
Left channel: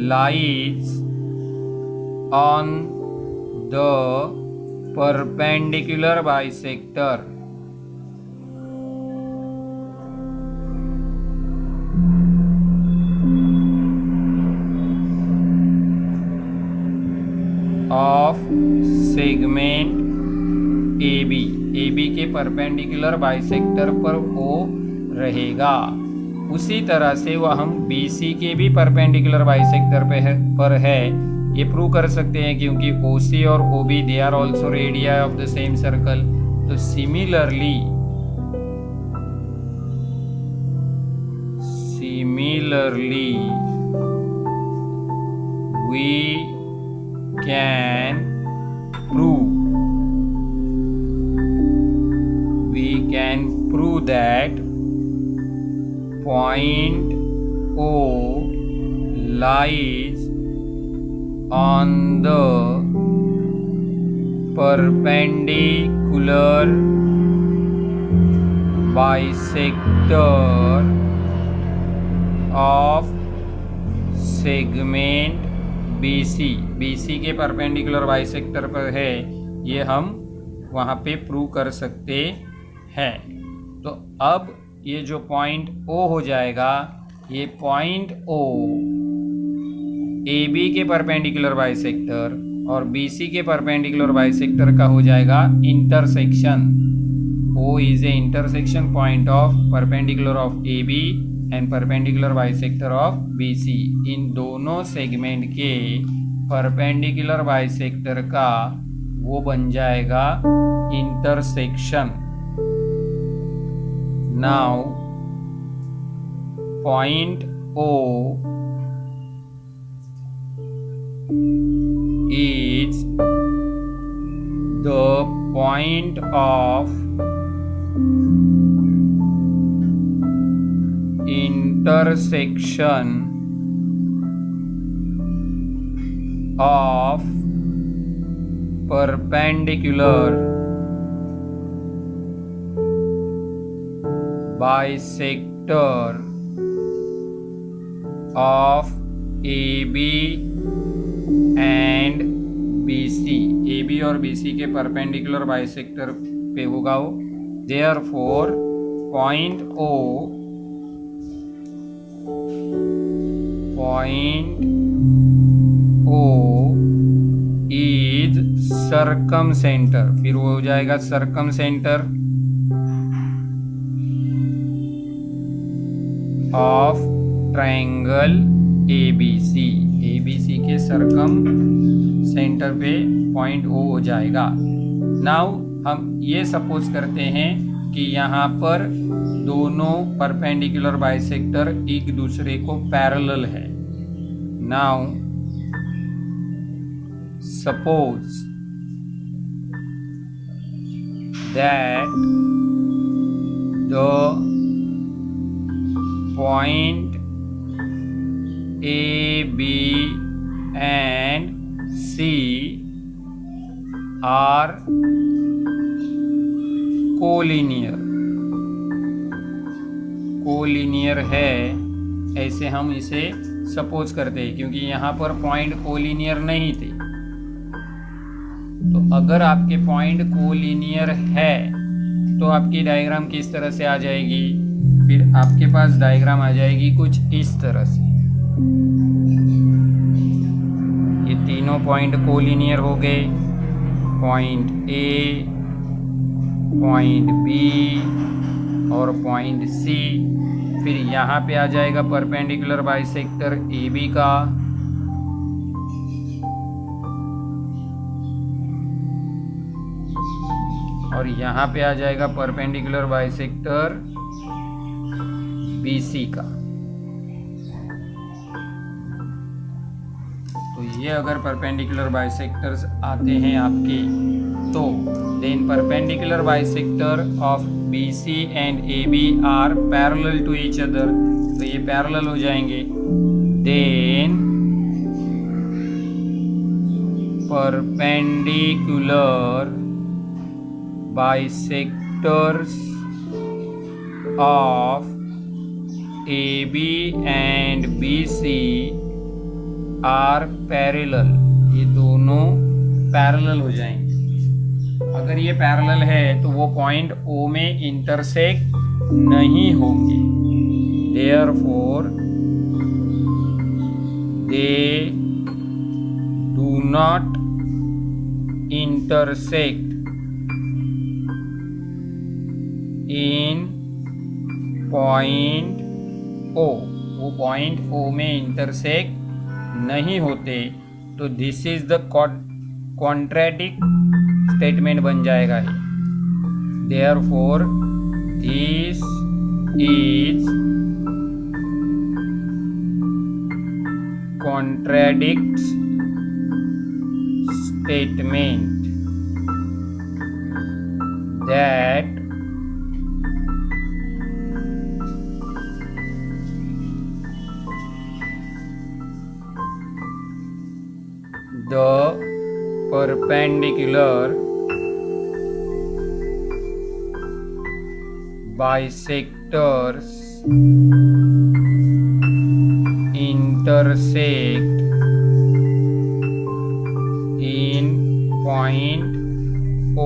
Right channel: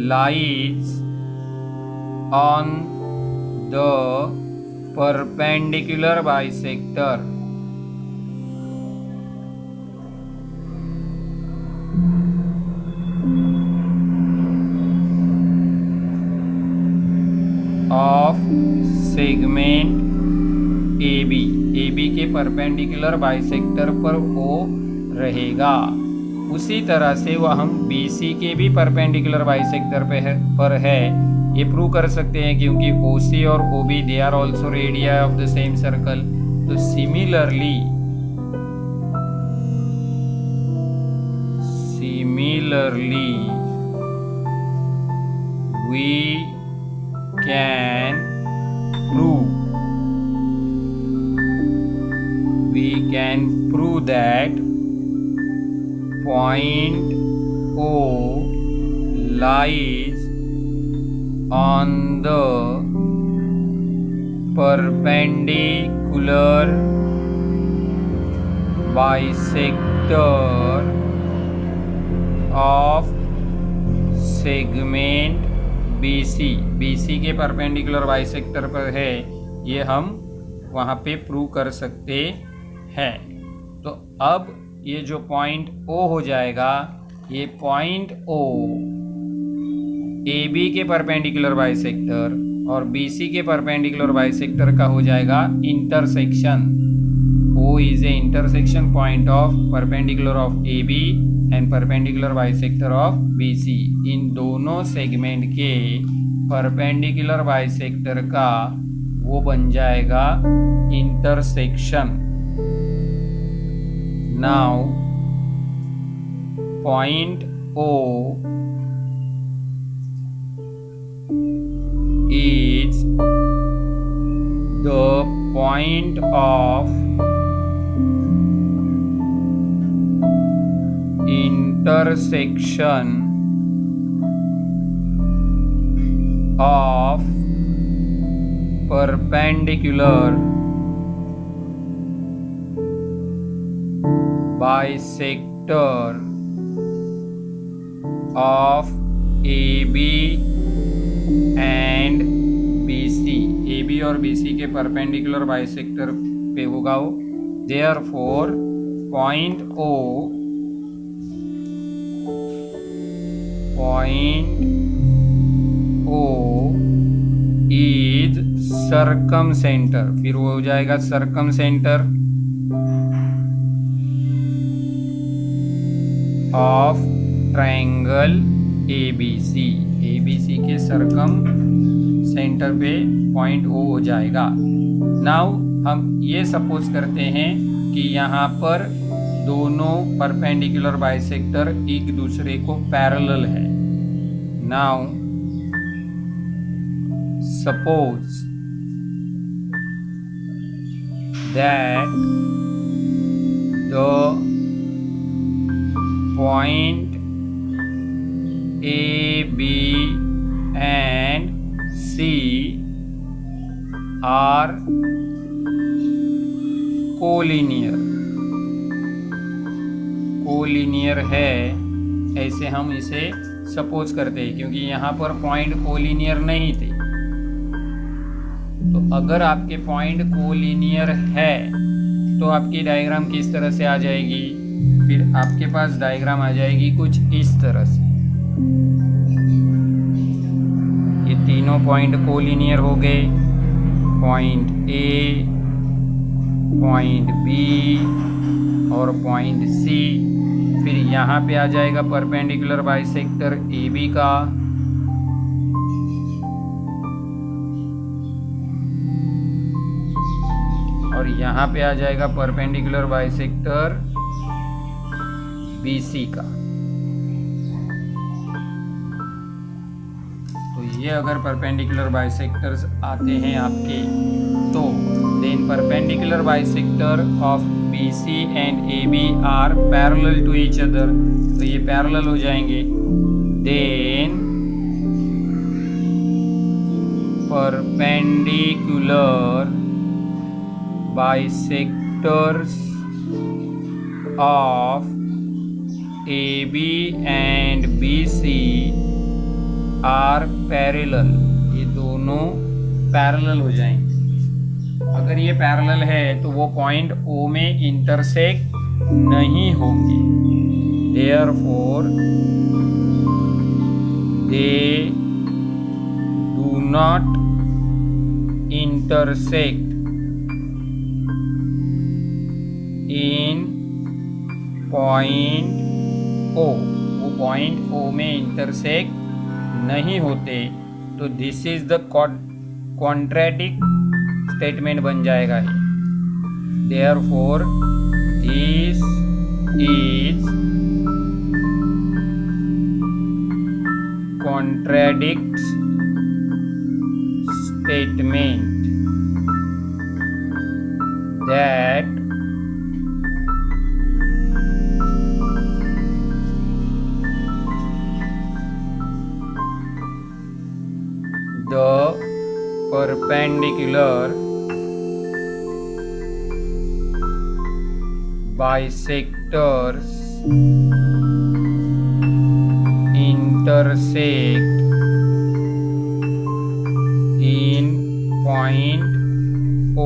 lies on the perpendicular bisector of segment AB के परपेंडिकुलर बाइसेक्टर पर O रहेगा। उसी तरह से वह हम BC के भी परपेंडिकुलर बाइसेक्टर पर है ये प्रूव कर सकते हैं, क्योंकि OC और OB they are also radii of the same circle. तो similarly we can prove that point O lies on the perpendicular bisector of segment BC के परपेंडिकुलर बाइसेक्टर पर है, ये हम वहाँ पे प्रूव कर सकते हैं। तो अब ये जो पॉइंट O हो जाएगा, ये पॉइंट O AB के परपेंडिकुलर बाइसेक्टर और BC के परपेंडिकुलर बाइसेक्टर का हो जाएगा intersection. O is A intersection point of perpendicular of AB and perpendicular bisector of BC। इन दोनों सेगमेंट के परपेंडिकुलर बाइसेक्टर का वो बन जाएगा intersection. Now point O is the point of intersection of perpendicular bisector of AB and BC। AB और BC के परपेंडिकुलर बाइसेक्टर पे होगा वो। Therefore point O is circumcenter। फिर वो हो जाएगा circumcenter of triangle ABC। ABC के सर्कम सेंटर पे पॉइंट O हो जाएगा। नाउ हम ये सपोज करते हैं कि यहाँ पर दोनों परपेंडिकुलर बाइसेक्टर एक दूसरे को पैरेलल है। Now suppose that the point A, B and C are collinear. Collinear है ऐसे हम इसे सपोज करते हैं, क्योंकि यहाँ पर पॉइंट कोलिनियर नहीं थे। तो अगर आपके पॉइंट कोलिनियर है तो आपकी डायग्राम किस तरह से आ जाएगी? फिर आपके पास डायग्राम आ जाएगी कुछ इस तरह से। ये तीनों पॉइंट कोलिनियर हो गए, पॉइंट ए, पॉइंट बी और पॉइंट सी। फिर यहाँ पे आ जाएगा परपेंडिकुलर बाइसेक्टर ए बी का, और यहाँ पे आ जाएगा परपेंडिकुलर बाइसेक्टर BC का। तो ये अगर परपेंडिकुलर बाइसेक्टर्स आते हैं आपके, तो then perpendicular bisector of BC and AB are parallel to each other. तो ये पैरेलल हो जाएंगे। Then perpendicular bisectors of AB and BC are parallel. ये दोनों पैरेलल हो जाएंगे। अगर ये पैरेलल है तो वो पॉइंट O में इंटरसेक्ट नहीं होंगे। Therefore they do not intersect in point O। वो पॉइंट O में इंटरसेक्ट नहीं होते। तो this is the contradict statement बन जाएगा है। Therefore this is contradict statement that the perpendicular bisectors intersect in point O।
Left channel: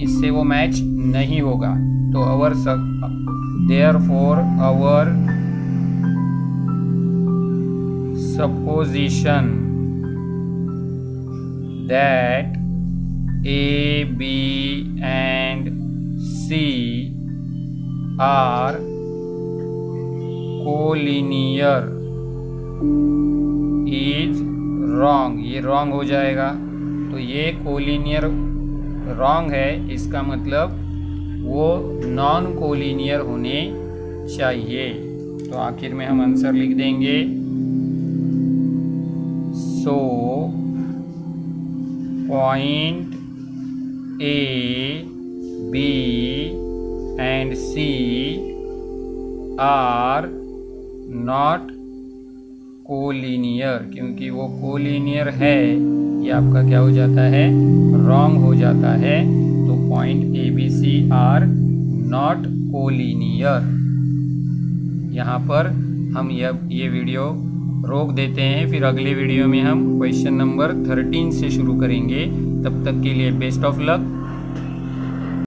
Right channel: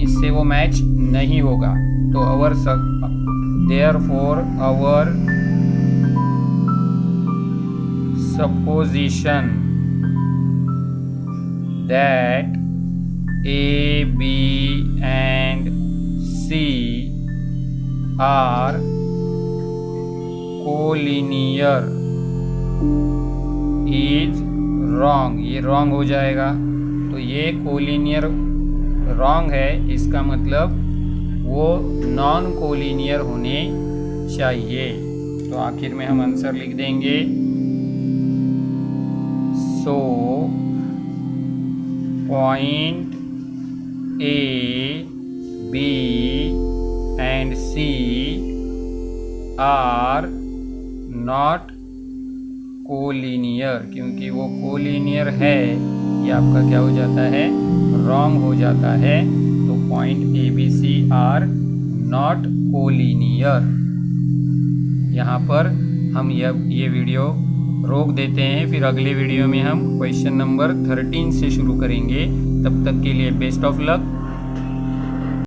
इससे वो मैच नहीं होगा। तो therefore our supposition that A, B and C are collinear is wrong। ये wrong हो जाएगा। तो ये कोलिनियर रॉन्ग है, इसका मतलब वो नॉन कोलिनियर होने चाहिए। तो आखिर में हम आंसर लिख देंगे so point A, B and C are not collinear, क्योंकि वो कोलिनियर है, ये आपका क्या हो जाता है, रॉन्ग हो जाता है। तो point A B C are not collinear. यहाँ पर हम ये वीडियो रोक देते हैं, फिर अगले वीडियो में हम क्वेश्चन नंबर 13 से शुरू करेंगे। तब तक के लिए बेस्ट ऑफ लक।